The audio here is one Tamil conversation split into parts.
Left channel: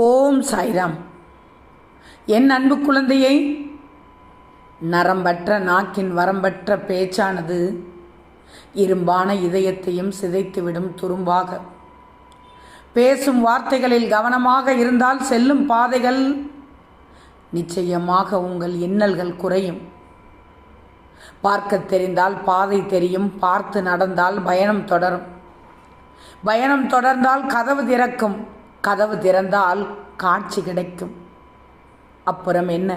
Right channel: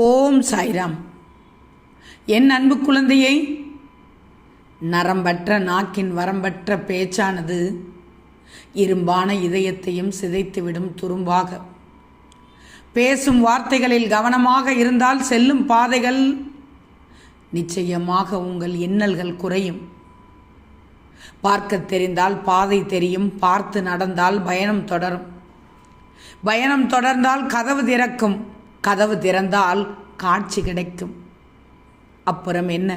ஓம் சாய்ராம். என் அன்பு குழந்தையை, நரம்பற்ற நாக்கின் வரம்பற்ற பேச்சானது இரும்பான இதயத்தையும் சிதைத்துவிடும் துரும்பாக. பேசும் வார்த்தைகளில் கவனமாக இருந்தால் செல்லும் பாதைகள் நிச்சயமாக உங்கள் இன்னல்கள் குறையும். பார்க்க தெரிந்தால் பாதை தெரியும், பார்த்து நடந்தால் பயணம் தொடரும். பயணம் தொடர்ந்தால் கதவு திறக்கும், கதவு திறந்தால் காட்சி கிடைக்கும். அப்புறம் என்ன?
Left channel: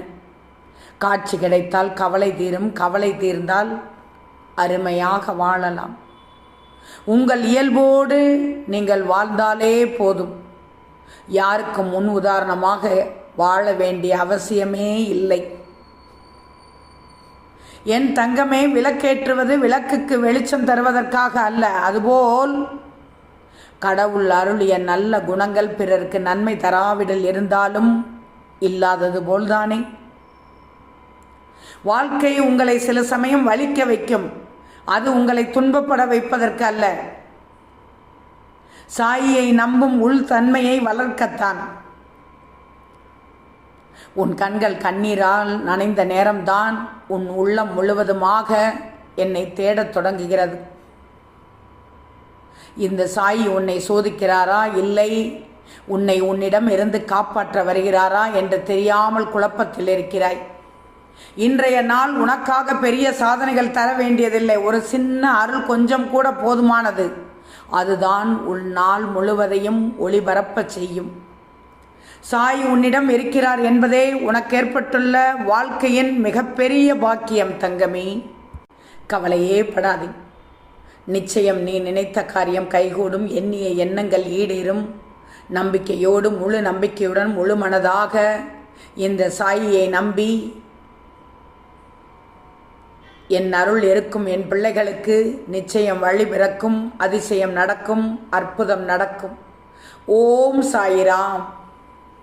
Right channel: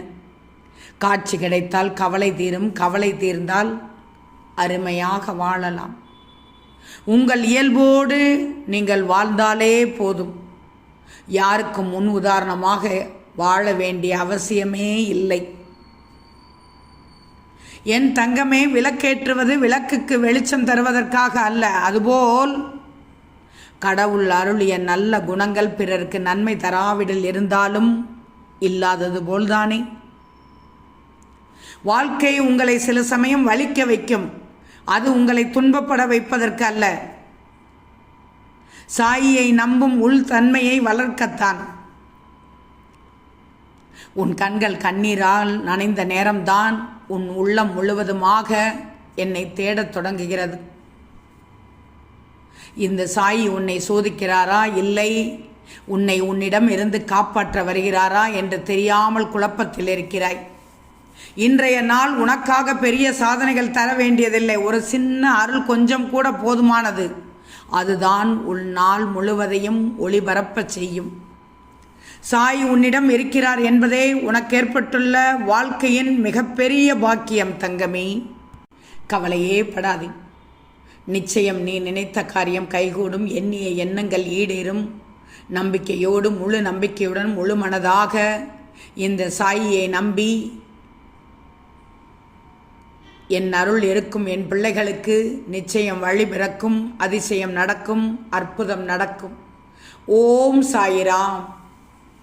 காட்சி கிடைத்தால் கவலை தீரும், கவலை தீர்ந்தால் அருமையாக வாழலாம். உங்கள் இயல்போடு நீங்கள் வாழ்ந்தாலே போதும். யாருக்கும் முன் உதாரணமாக வாழ வேண்டிய அவசியமே இல்லை. என் தங்கமே, விளக்கேற்றுவது விளக்குக்கு வெளிச்சம் தருவதற்காக அல்ல. அதுபோல் கடவுள் அருளிய நல்ல குணங்கள் பிறருக்கு நன்மை தராவிடில் இருந்தாலும் இல்லாதது போல்தானே. வாழ்க்கை உங்களை சில சமயம் வலிக்க வைக்கும். அது உங்களை துன்பப்பட வைப்பதற்கு அல்ல, சாயியை நம்பும் உள் தன்மையை வளர்க்கத்தான். உன் கண்கள் கண்ணீரால் நனைந்த நேரம்தான் உன் உள்ளம் முழுவதுமாக என்னை தேடத் தொடங்குகிறது. இந்த சாயி உன்னை சோதிக்கிறாரா, இல்லை உன்னை உன்னிடம் இருந்து காப்பாற்ற வருகிறாரா என்று தெரியாமல் குழப்பத்தில் இருக்கிறாய். இன்றைய நாள் உனக்காக பெரிய சாதனைகள் தர வேண்டியதில்லை. ஒரு சின்ன அருள் கொஞ்சம் கூட போதுமானது. அதுதான் உன் நாள் முழுவதையும் ஒளிபரப்ப செய்யும். சாய் உன்னிடம் இருக்கிறார் என்பதே உனக்கு ஏற்பட்டுள்ள வாழ்க்கையின் மிகப்பெரிய பாக்கியம். தங்கமே, கவலையே படாதே. நிச்சயம் நீ நினைத்த காரியம் கைகூடும். எண்ணிய எண்ணங்கள் ஈடேறும். நம்பிக்கையோடு, முழு நம்பிக்கையுடன், முழு மனதாக இந்த சாயியை நம்பி என் அருள் இருக்கும் என் பிள்ளைகளுக்கு நிச்சயம் வழி பிறக்கும், அதிசயம் நடக்கும், அற்புதம் நடக்கும். ஓம் சாயிராம்.